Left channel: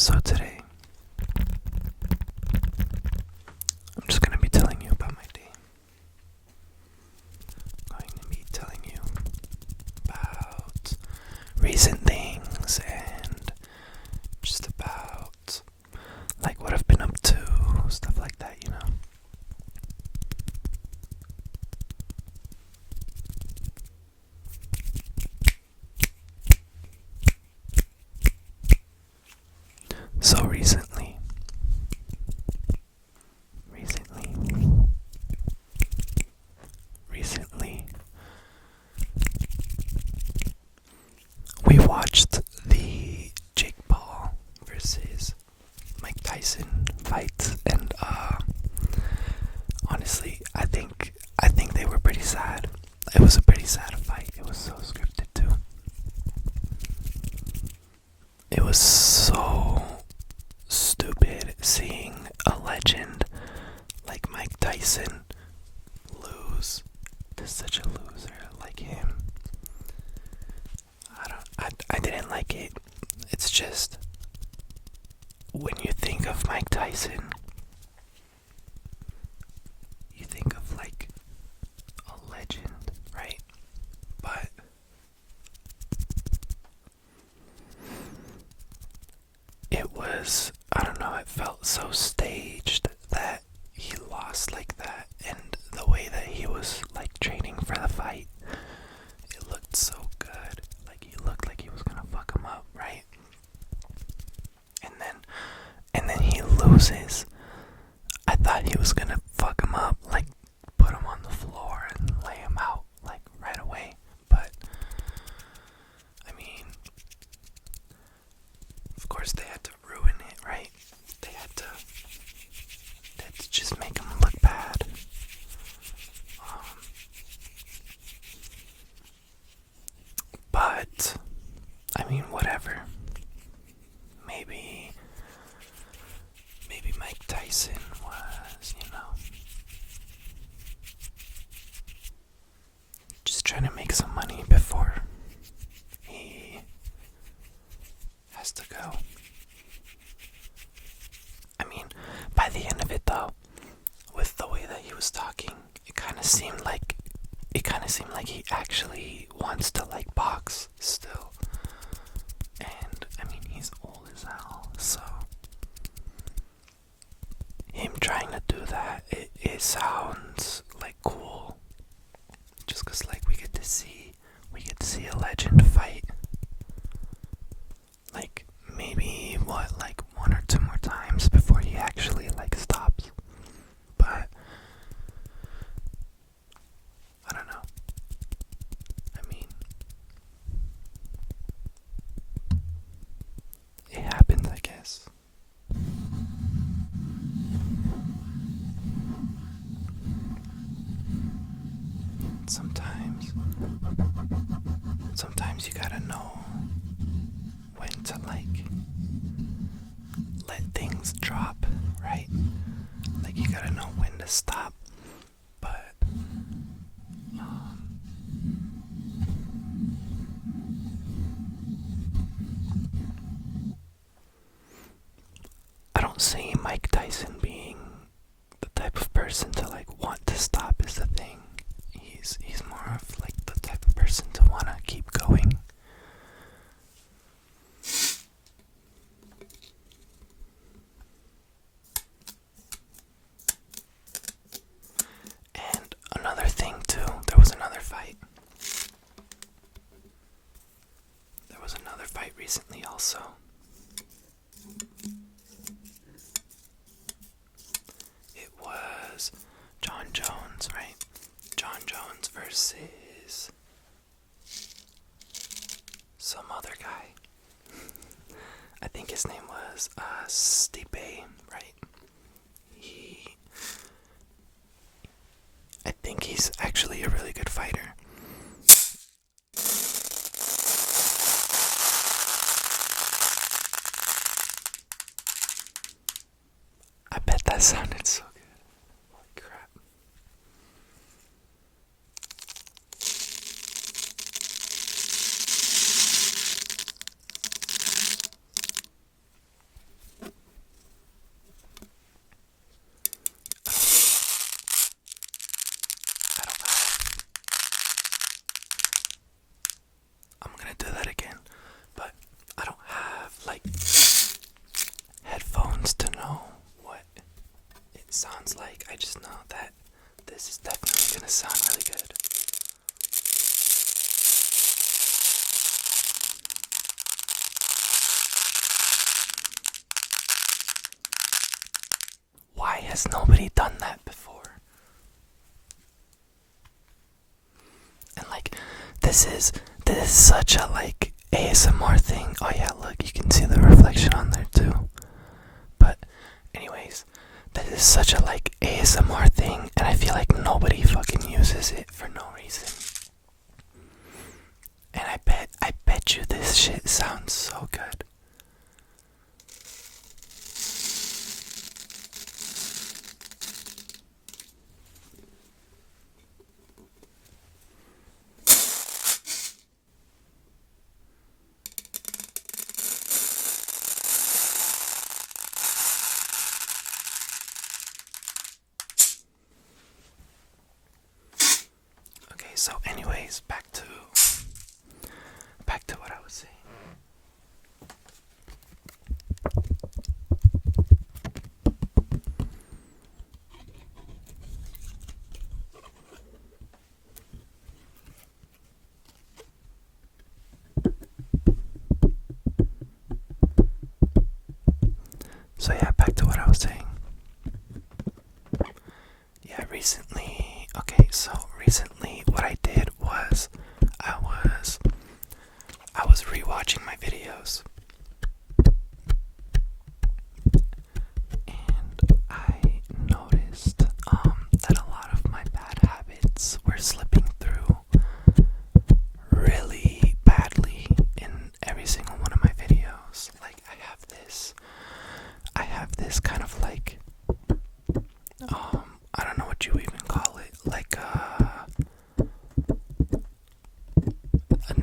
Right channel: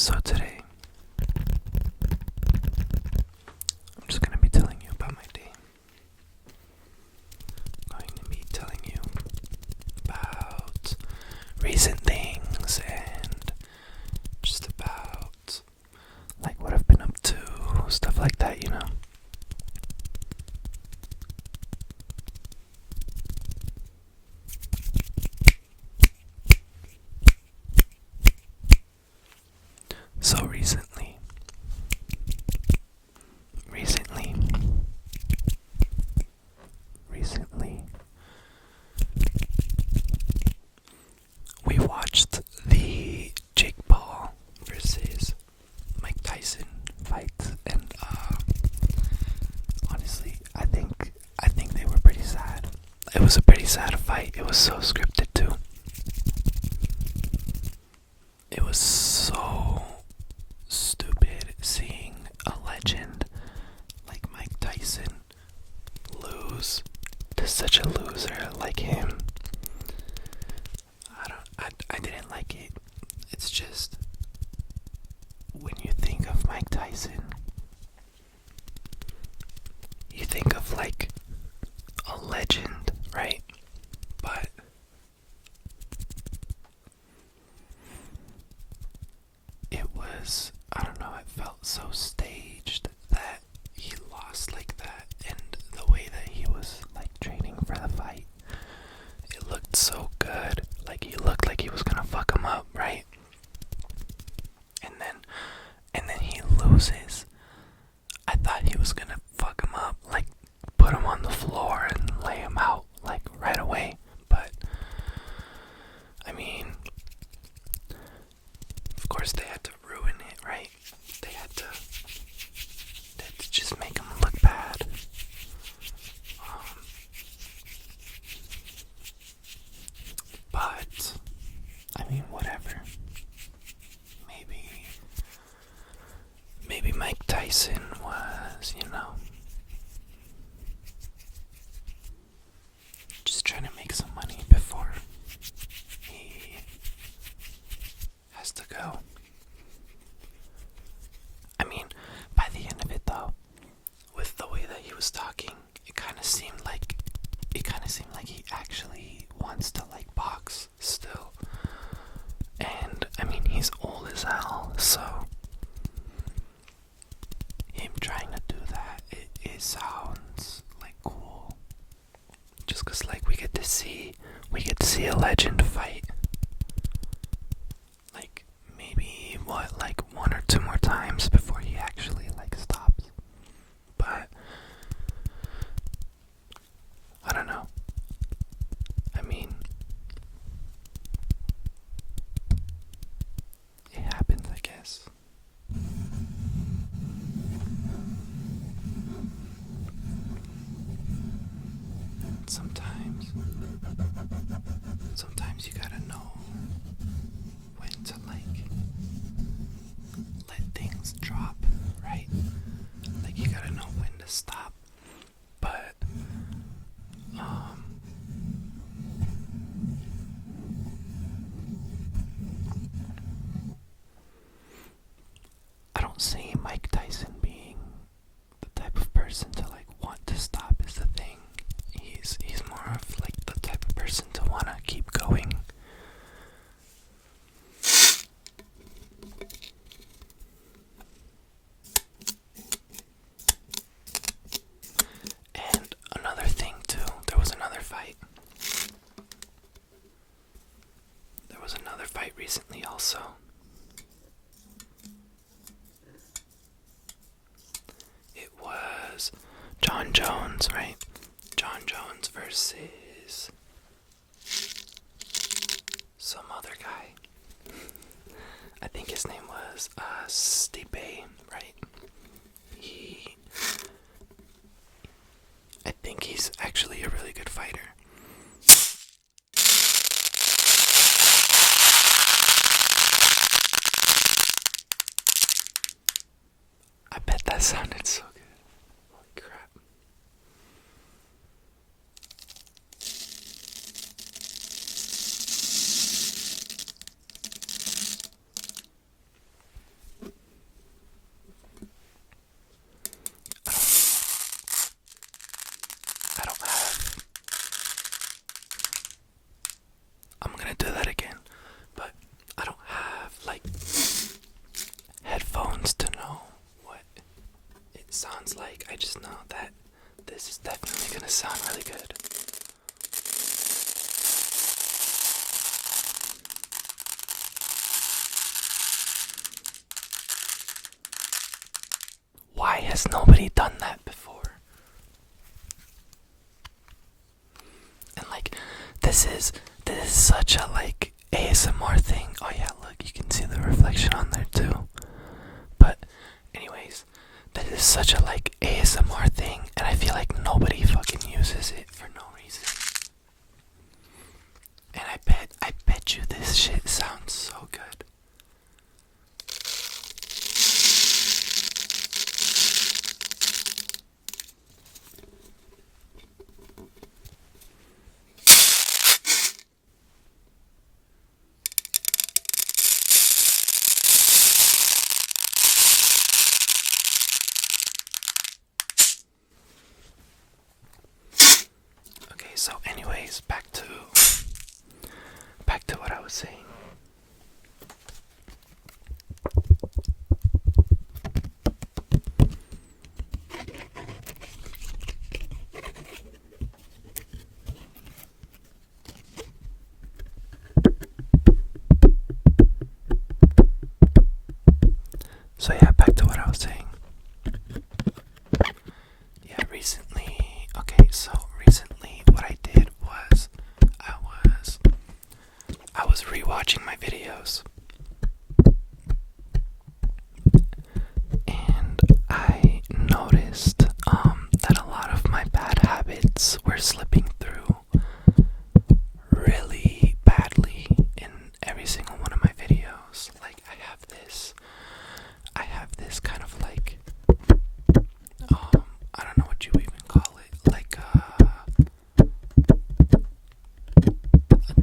So today, I'm just going to be telling you about my day. I'm going to be telling you about recent things and just about like what I've been up to, stuff like that, you know. So recently, we watched the Jake Paul versus Mike Tyson fight, and honestly, I think they were pretty sad. It was a pretty sad fight. It was so scripted too. It was so stupid seeing a legend like Mike Tyson lose to such a loser like him. I didn't like it. It's just, when you think of Mike Tyson, you think of like a legend, right? But it was, I don't know, it felt so staged that he lost like that, and the way that he was like training for the fight, it looked so good. Like he looked like he was gonna fuck him up, right? And then he loses. I thought he was gonna fuck him up, like put him on the floor and lay him out like right away. But I mean, of course they had to ruin it, right? They had to just make him look bad. But I mean, whatever. Maybe Mike Tyson was, just trying to make some money before he has to go. I mean, by the end of it though, with the way that he was talking, it kind of seemed like he actually wants to like box still. And I mean, he's old as hell, so him trying to do that, it sounds like cool. Just 'cause like we get to see a legend fight. Like maybe like one or two more times before he actually like stops. But I don't know. I mean, it happens, I guess. Sometimes you gotta know when to like let things drop, right? Like you gotta know when to stop. But I don't see Mike Tyson being the type of person to like want to stop is the thing. He's more of like the type of person to wanna keep going. And another thing too, there was another fight recently also. It was John Jones, right? John Jones versus some other guy. I think his name was Stipe, right? I think he's actually a really good fighter. I bet that sounded so good. Holy crap. sound really good. Why has nobody done that before? And like, this is such a like ASMR thing. Oh yeah, look, you can see the reflection on there too. But anyways, that is such a like ASMR thing, and I feel like nobody fucking uses it for no reason. And I bet you this shit sounds so good. Okay, so anyways, back to what I was saying. So yeah, back to what I was saying. Yeah, recently what I did was I was rewatching my videos, and I noticed that a lot of my bad habits were slipping through really badly in every single one of my videos. Like I have this kind of like I don't know what you even call it, like a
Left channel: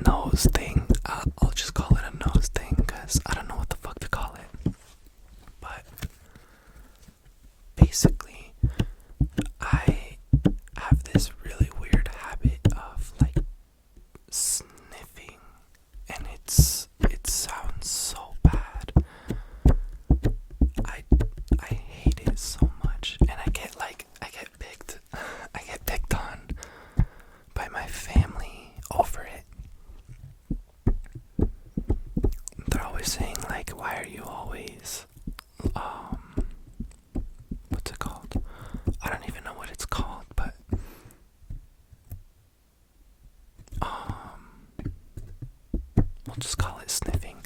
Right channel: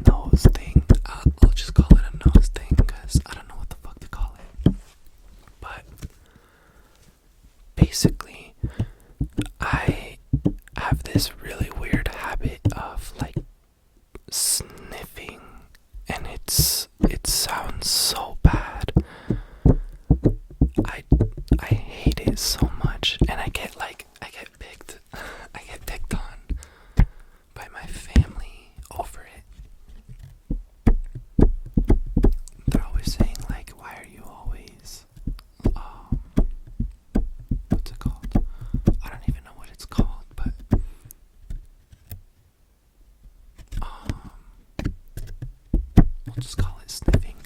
nose thing. I'll just call it a nose thing because I don't know what the fuck to call it. But basically, I have this really weird habit of like sniffing, and it sounds so bad. I hate it so much, and I get picked on by my family over it. They're always saying like, why are you always what's it called? I don't even know what it's called, but we'll just call it sniffing.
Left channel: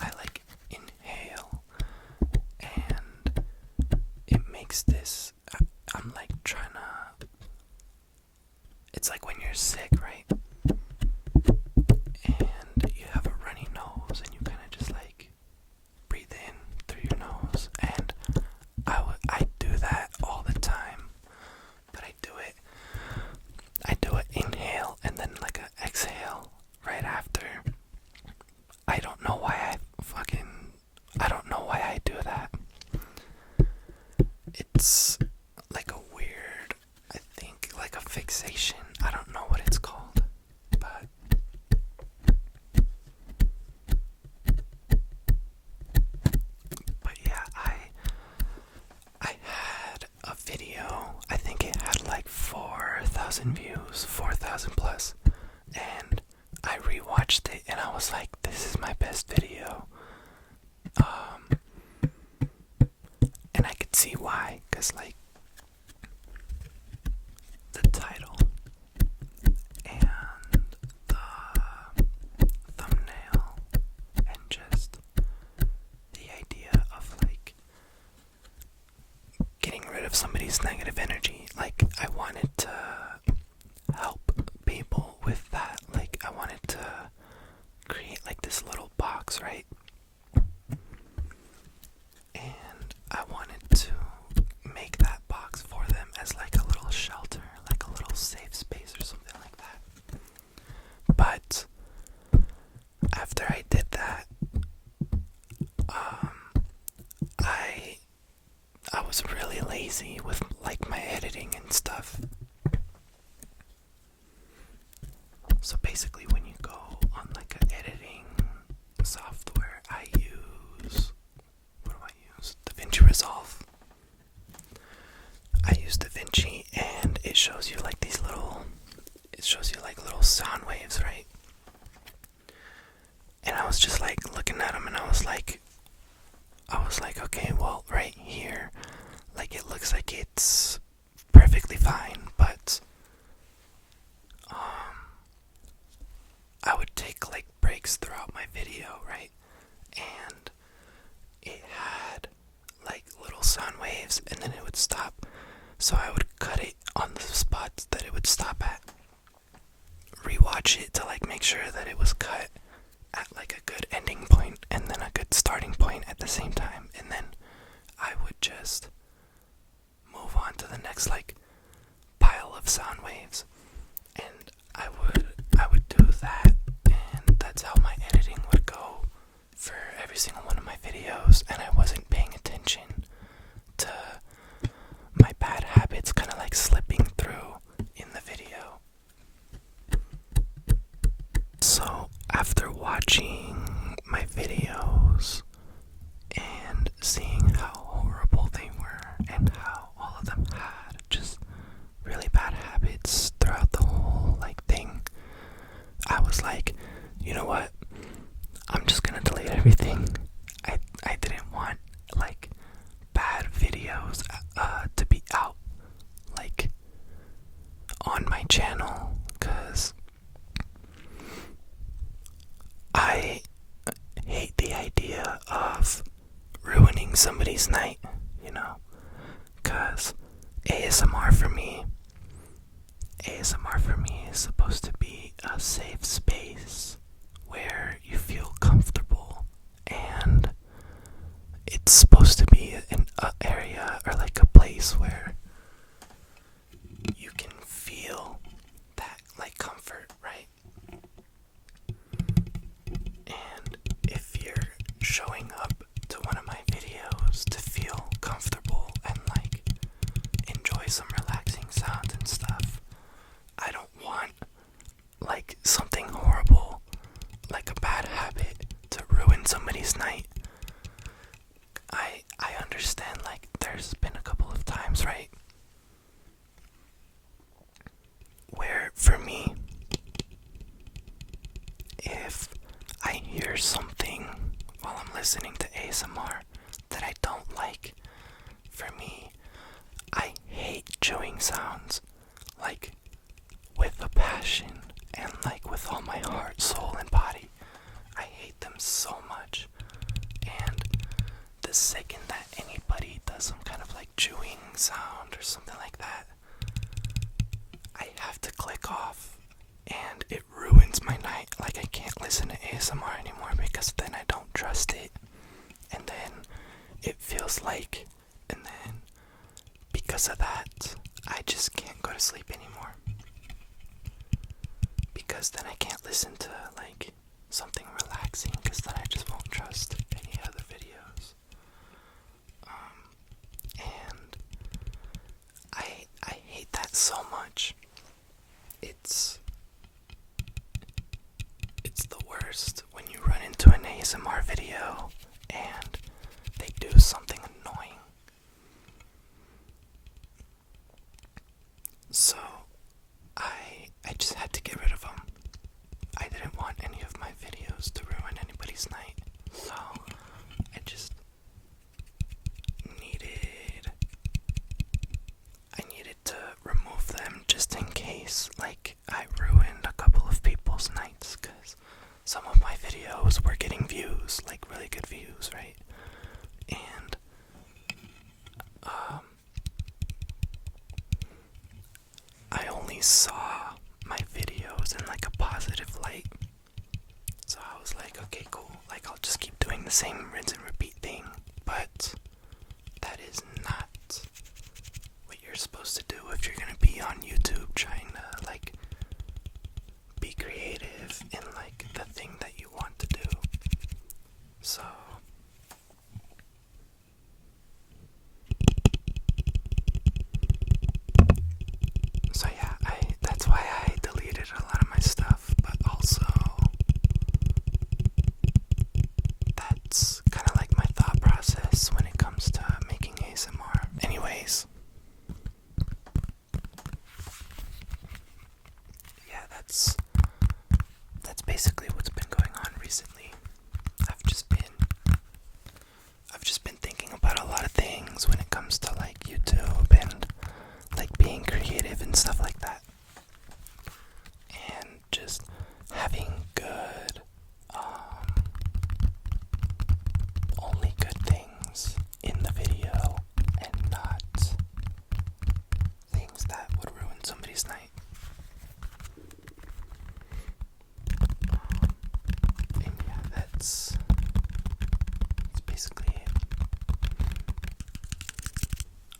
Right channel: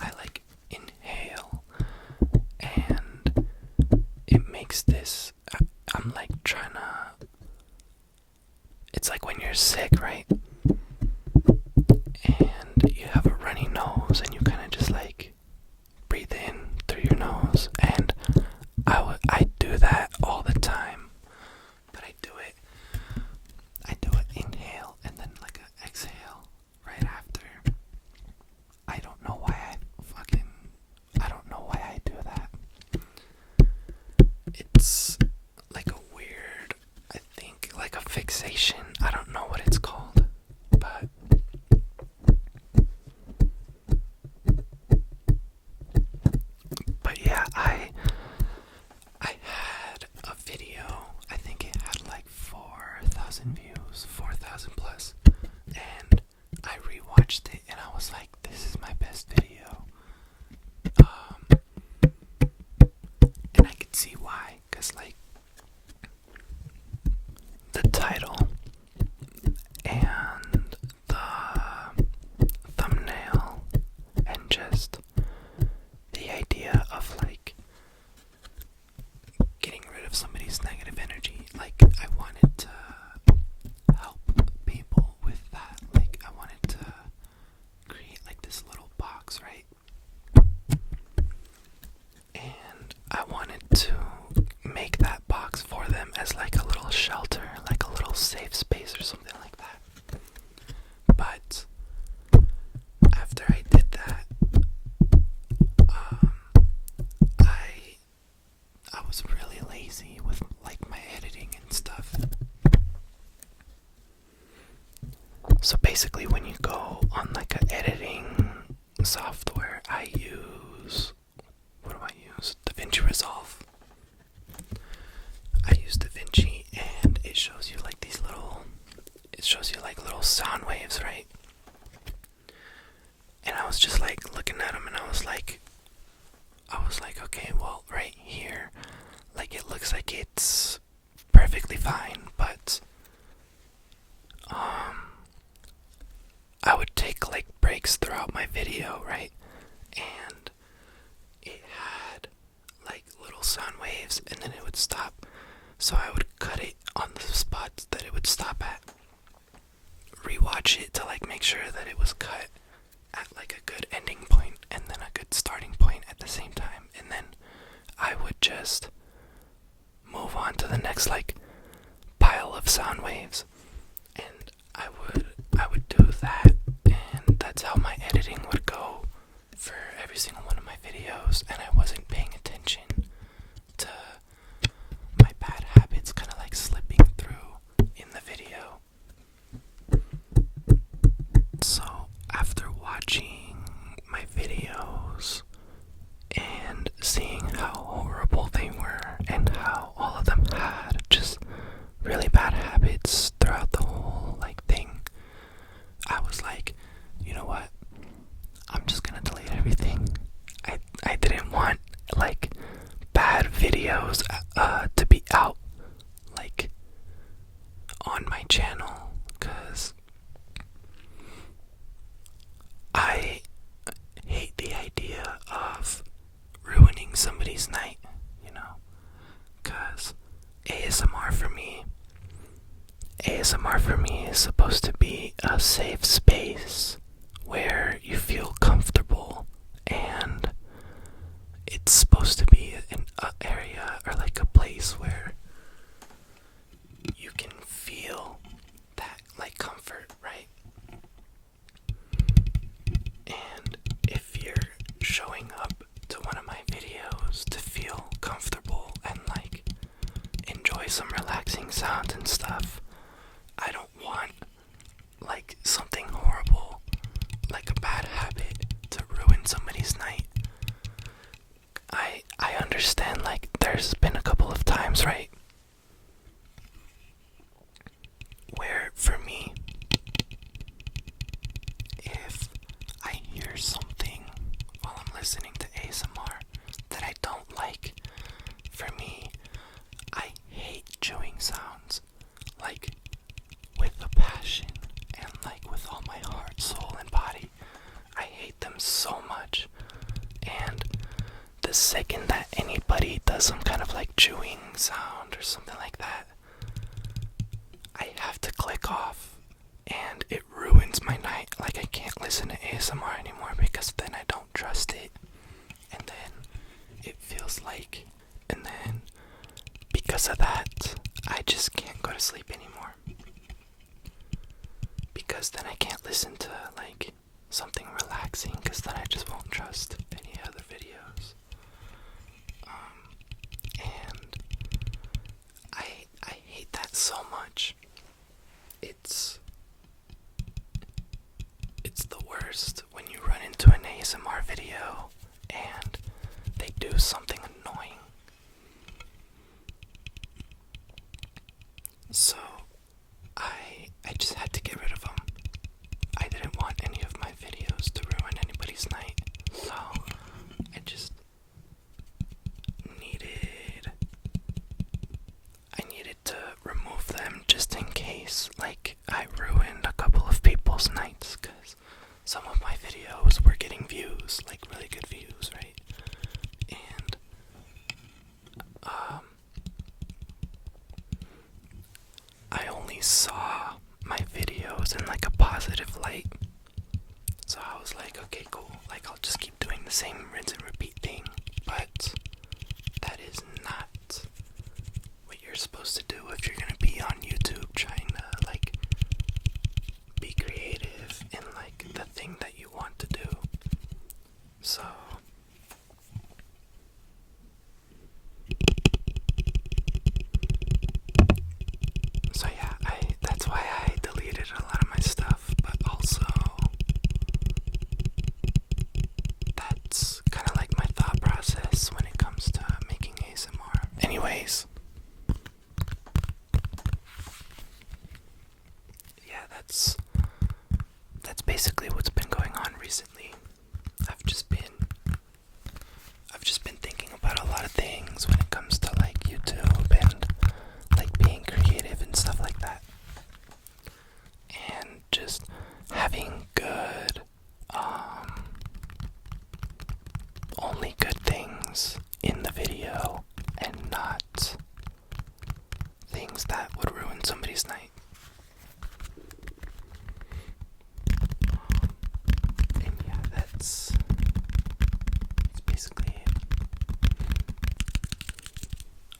I like inhale, and it makes this I'm like trying to, it's like when you're sick, right? And you have a runny nose and you kind of just like breathe in through your nose, and I do that all the time, but I do it inhale and then like a exhale right after. I don't know why I do that. It's like a weird, I think like a fixation. I don't know what it's called, but yeah, I had a video, I think it had like 4,000 views, 4,000 plus, and I rewatched it and I was like, this is my best video. And I could see why, cause like the title and the thumbnail and just the idea of like getting rid of somebody's negative energy. Like I wanted to help people with that. Like I wanted to create like this little box, right? And I wanted to make that box for them as like a little shelter, like a little safe space or something like that. But after I did that, I was really lazy with like my editing and stuff. So basically when you go on like an editing software, I use, what do I use? DaVinci Resolve. I use DaVinci and it shows you like these little like it's perfectly fine, but I would take like breaks throughout my video, right? And it had like little sound waves, and then it would stop. So I would cut it on the spots that it would stop at, rewatch it to like make sure that it was cut at like a good ending point and then a good starting point at the same time, and then I would just move on to the next like pile of sound waves, and I would do that, and that's how my editing would go for every single one of my videos, and I wasn't paying attention to my bad habits kind of like slipping through in the video. So after watching my videos and seeing how horrible they were and how all of them had just really bad habits throughout the whole like thing, I was like, you know what? I'm just gonna delete everything. I didn't want like bad videos to be out like on my channel, because I hate the idea of ruining somebody's night, you know, because ASMR for me is supposed to be a safe space where you feel comfortable, and it's supposed to be an area or like a place where you can feel that like comfort, right? And if you're showing up to one of my videos to feel comfortable and like enjoy some relaxing sounds and stuff, I don't want like something horrible, like a bad habit, to ruin somebody's night. I understand like there's been a couple of times, right, where for me, if I hear something while I'm listening to ASMR that I don't like, for me, I hate chewing sounds, like with a passion and like with all my heart, soul, and body. I hate them so much, and the second that anybody does some kind of like chewing sound or something like that, I have to click off, and it ruins my night. Like I can't listen to ASMR anymore because then I don't trust it, and then it feels like, and then because of that, I just can't go to sleep anymore, because then I can't listen to like something relaxing, because then I just won't trust any other videos. And I hate that so much. It's the worst when you run into an ASMR video and they do something annoying. So I just had to get rid of them. I didn't want any of my videos to ruin anybody's night, so I just needed to remove them just in case like I ruined a couple of people's nights, because some of my videos were getting views, like really good views, right? And I only saw my videos in like a positive light, so I was like, okay, cool, like I'll just keep doing the same rinse and repeat thing. But that is not what you're supposed to do if you're gonna be on YouTube trying to like be creative in like the thing that you want to do. So yeah, that's why I deleted a lot of my stuff, but also that's kind of like my thought process when it comes to making ASMR. Anyways, yeah, that's basically what's been going on recently. I've just been thinking about a lot of things when it comes to like YouTube somebody's night. And yeah, that's basically it.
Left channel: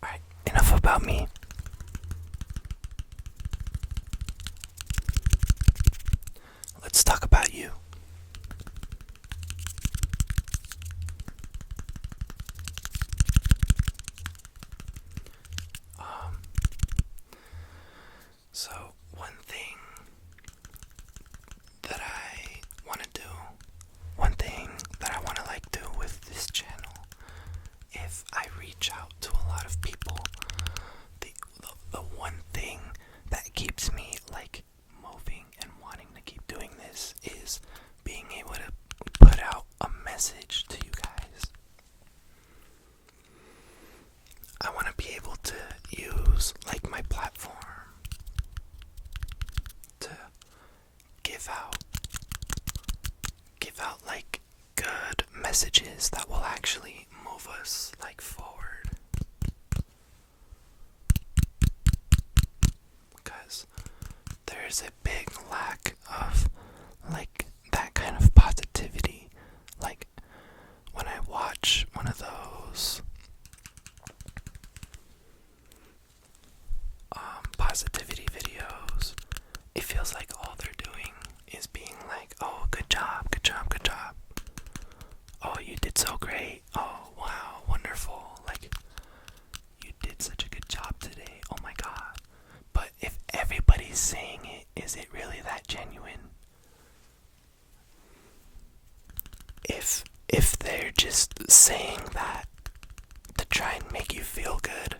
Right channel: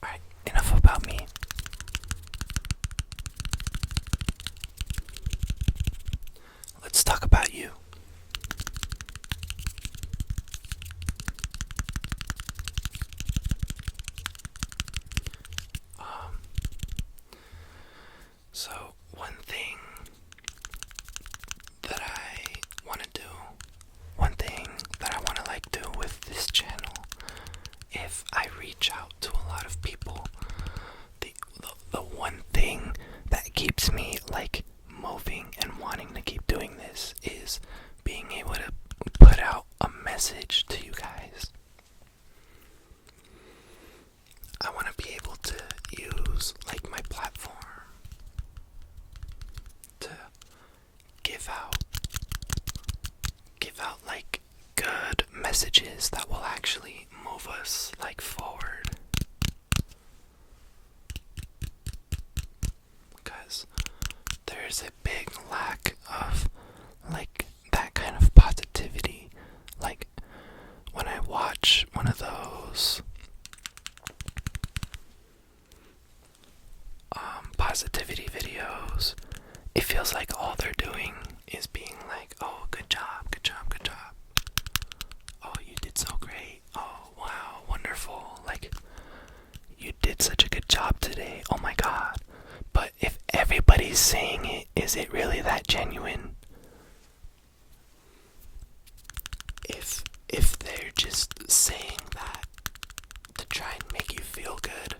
Alright, enough about me. Let's talk about you. So one thing that I want to do, one thing that I want to do with this channel, if I reach out to a lot of people, the one thing that keeps me moving and wanting to keep doing this is being able to put out a message to you guys. I want to be able to use my platform to give out good messages that will actually move us forward. Because there's a big lack of that kind of positivity. When I watch one of those positivity videos, it feels like all they're doing is being oh, good job, good job, good job. Oh, you did so great. Oh, wow, wonderful. You did such a good job today. Oh my god. But if everybody's saying it, is it really that genuine? If they're just saying that to try and make you feel good,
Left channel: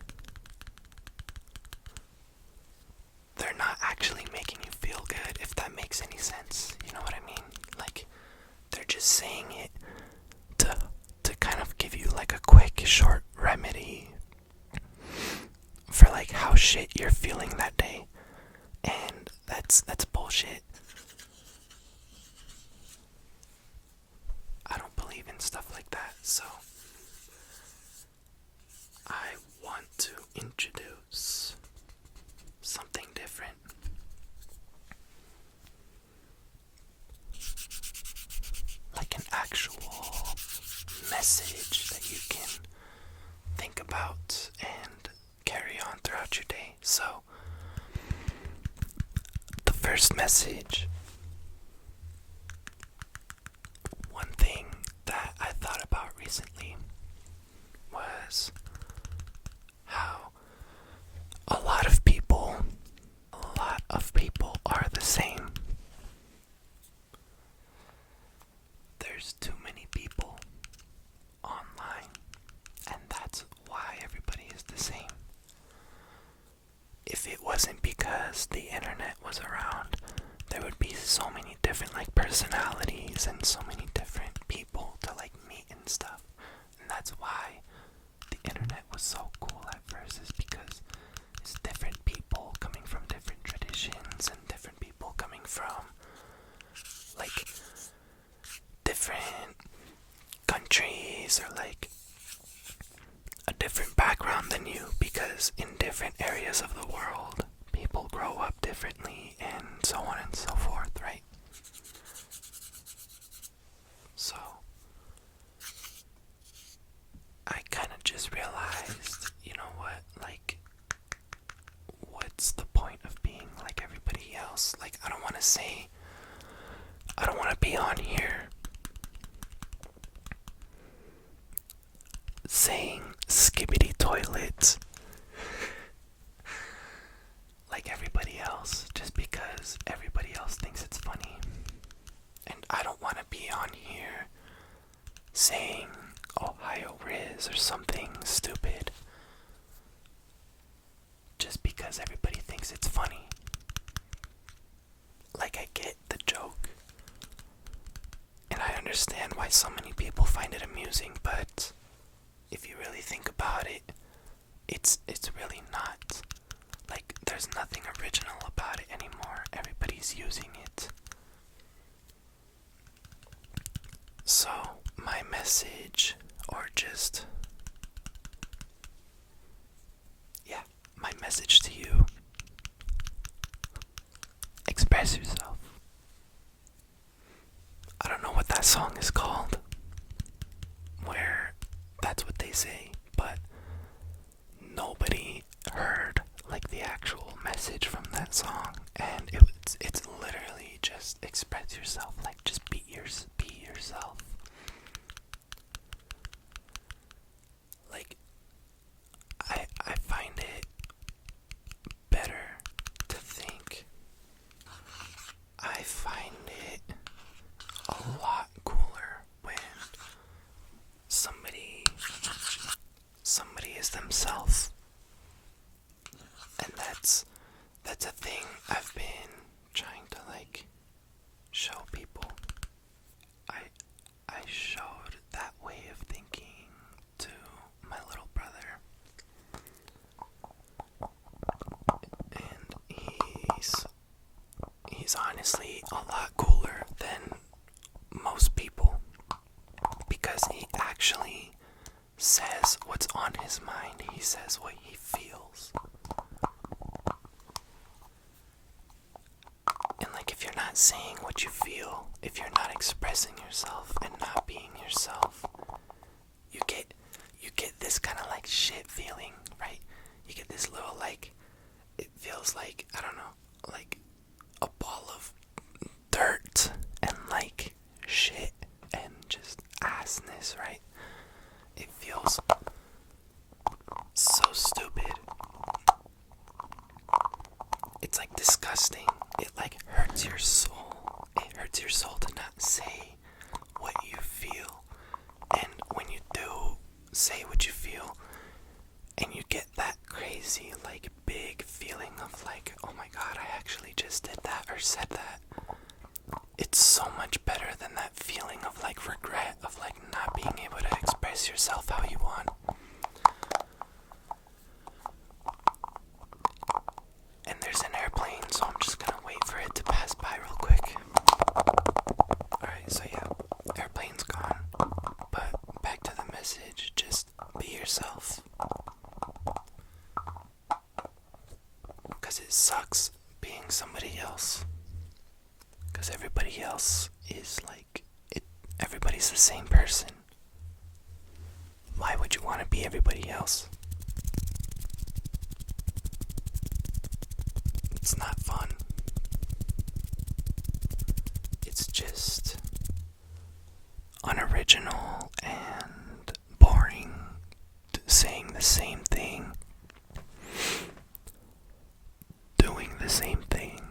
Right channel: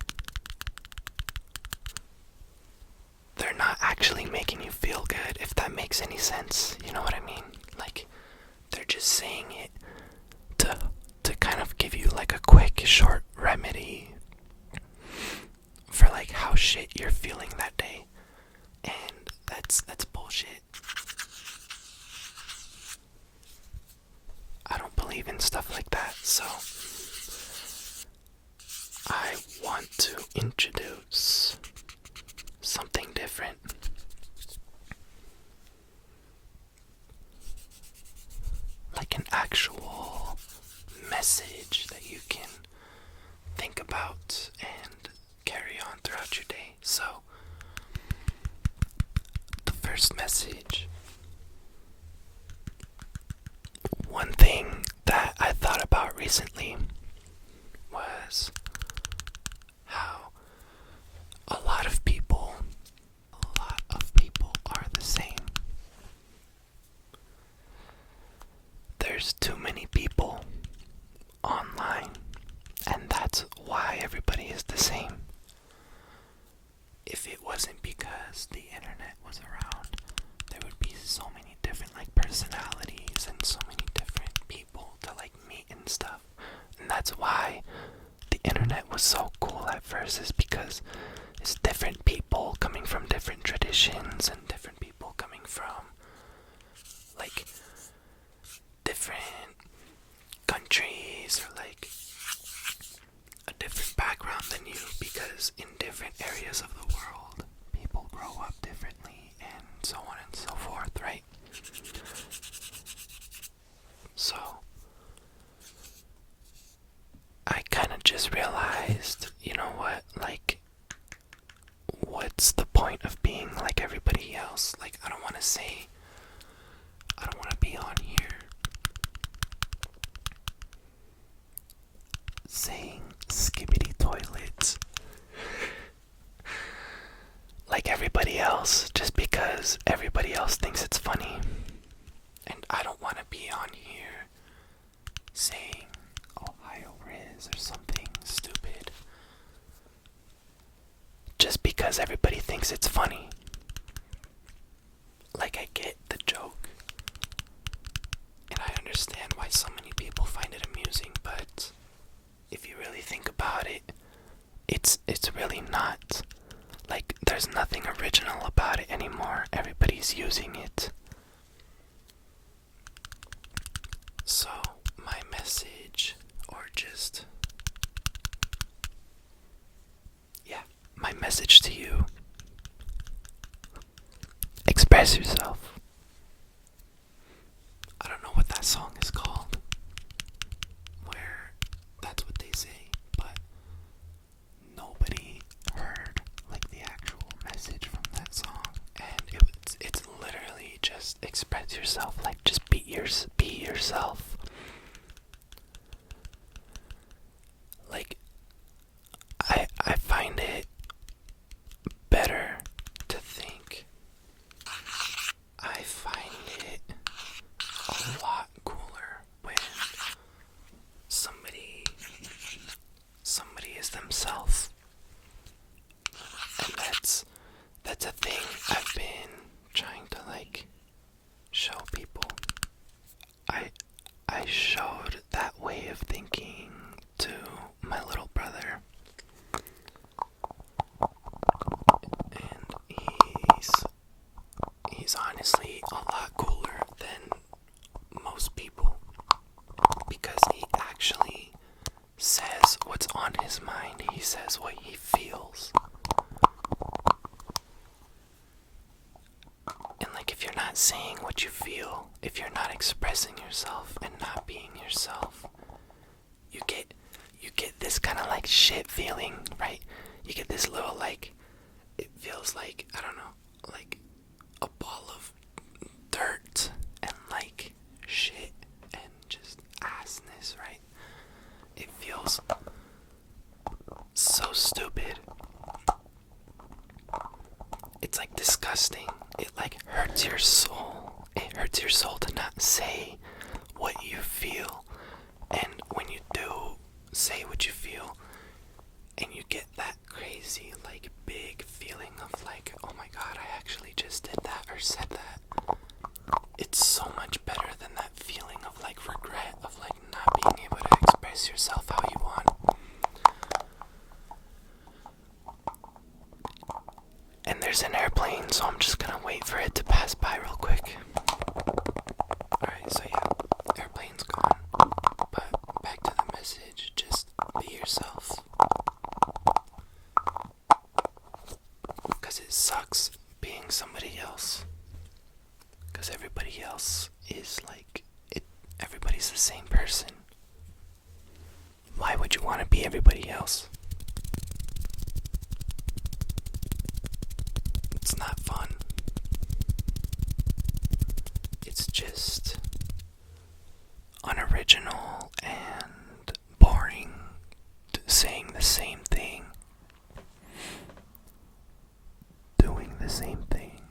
they're not actually making you feel good, if that makes any sense. You know what I mean? They're just saying it to kind of give you a quick, short remedy for how shit you're feeling that day. And that's bullshit. I don't believe in stuff like that, so I want to introduce something different. An actual message that you can think about and carry on throughout your day. So, the first message, one thing that I thought about recently was how a lot of people are the same. There's too many people online, and that's why everybody is the same. If it wasn't because the internet was around, there would be so many different personalities and so many different people to meet and stuff. And that's why the internet was so cool at first, is because it's different people coming from different traditions and different people coming from different countries or a different background than you, because in different areas of the world people grow up differently and so on and so forth, right? So I kind of just realized, you know what, what's the point of being like everybody else? I don't want to be on here saying skibbity toilet like everybody else just because everybody else thinks it's funny. And I don't want to be on here saying Ohio Riz or something stupid just because everybody thinks it's funny. I get the joke, and I understand why so many people find it amusing, but if you really think about it, it's really not. There's nothing original about it anymore. Everybody's using it. So, my message, my message to you express yourself. I don't know what that song is called, where that's what they say, but nobody heard like the actual message from that song, and it's literally just express yourself, like just be yourself. Like I find it better to think. I find it a lot cooler when somebody is themselves. And that's a thing I've been trying to like show people. I showed that way of thinking to my little brother, and he's honestly a lot cooler than most people, because he actually says what's on his mind. He says what he feels. And like, if you're not saying what you feel, if you're not expressing yourself and not being yourself, you get this kind of like shit feeling, right? You get this little like, it feels like, I don't know, like a ball of dirt and like shit and just assness, right? It feels so stupid. It's like disgusting. It like hurts your soul. It hurts your soul to not say what you feel. And when you do say what you feel, and you get that crazy like big feeling of like, oh my god, I actually just did that or said that, it's so much better than that feeling of like regret, of like not being able to express yourself how you want. And there's an airplane, so I'm just gonna wait for it to pass by real quick. Alright, so yeah, airplane's gone. But back to the message, just be yourself. Because it sucks being somebody else. Because everybody else is like, everybody's the same person. Why would you want to be everybody else? It's not fun. It's just unoriginal and boring, saying the same thing, doing the same thing,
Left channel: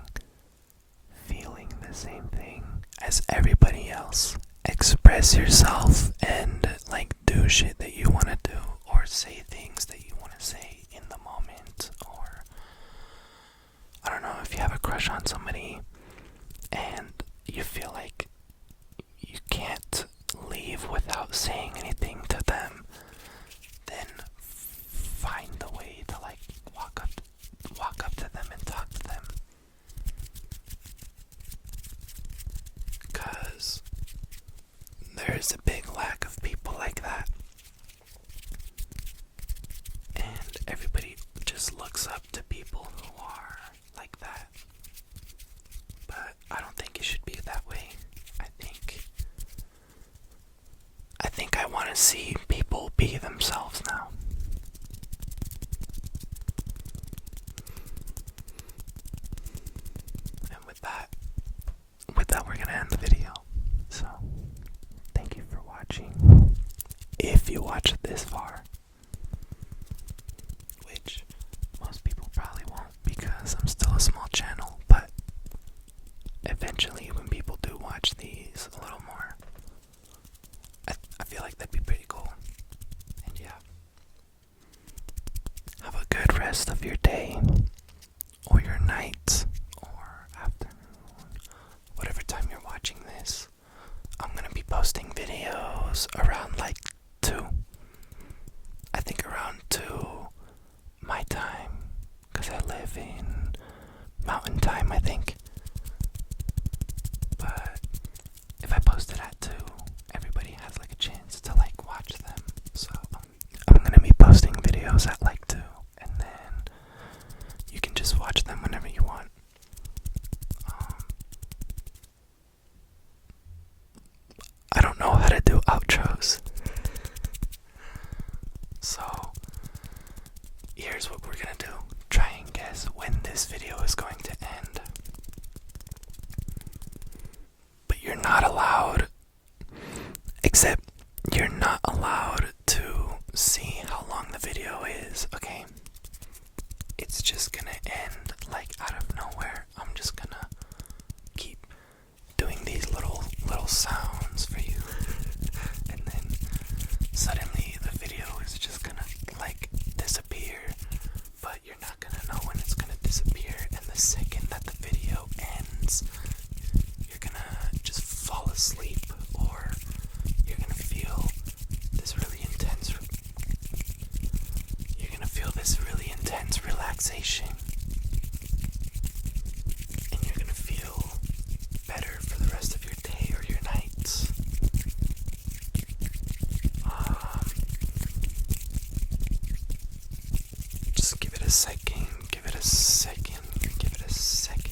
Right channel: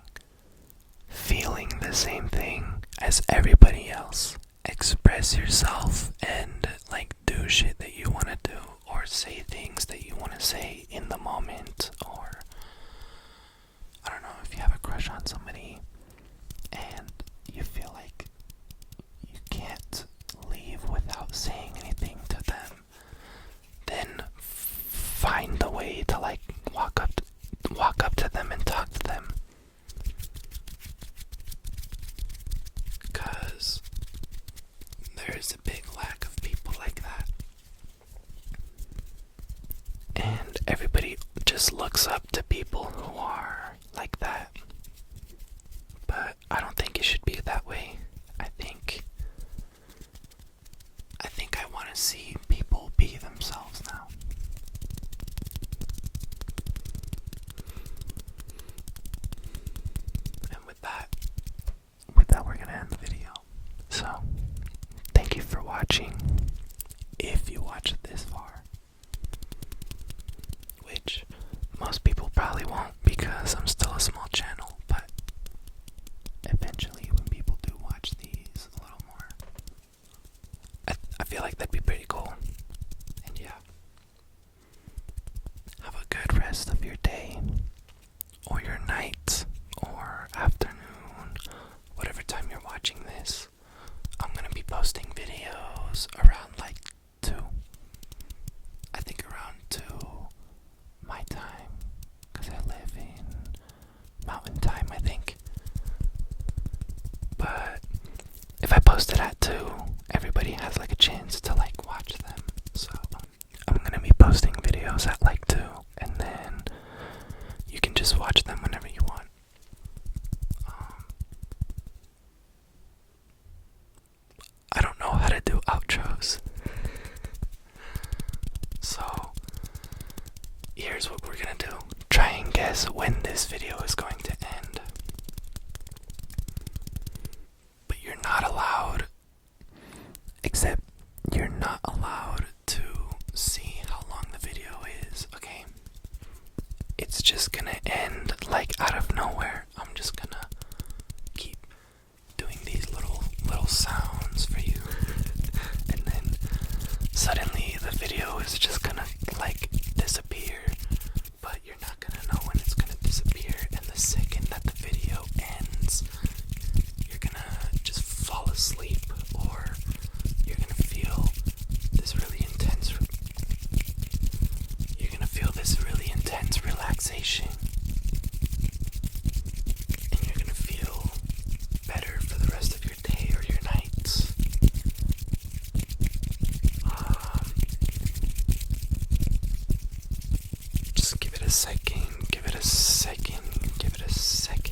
feeling the same thing as everybody else. Express yourself and like do shit that you want to do, or say things that you want to say in the moment, or I don't know, if you have a crush on somebody and you feel like you can't leave without saying anything to them, then find a way to like walk up to them and talk to them. Because there is a big lack of people like that. And everybody just looks up to people who are like that. But I don't think it should be that way. I think I want to see people be themselves now. And with that we're gonna end the video. So, thank you for watching. If you watched this far, which most people probably won't, because I'm still a small channel, but eventually when people do watch these a little more, I feel like that'd be pretty cool. And yeah, have a good rest of your day, or your night, or afternoon, whatever time you're watching this. I'm gonna be posting videos around like 2. I think around 2 my time, because I live in mountain time, I think. But if I post it at 2, everybody has like a chance to like watch them. So I'm gonna be posting videos at like 2, and then you can just watch them whenever you want. here's what we're gonna do. Try and guess when this video is going to end. But you're not allowed, except you're not allowed to see how long the video is, okay? It's just gonna end like out of nowhere. I'm just gonna keep doing these little sounds for you. And then suddenly the video is just gonna like disappear. But you're not gonna know when it's gonna disappear. And the second that the video ends, you're gonna just fall asleep, or you're gonna feel this really intense relaxation, and you're gonna feel better for the rest of your day or your nights. Just give it a second, give it a second, give it a second.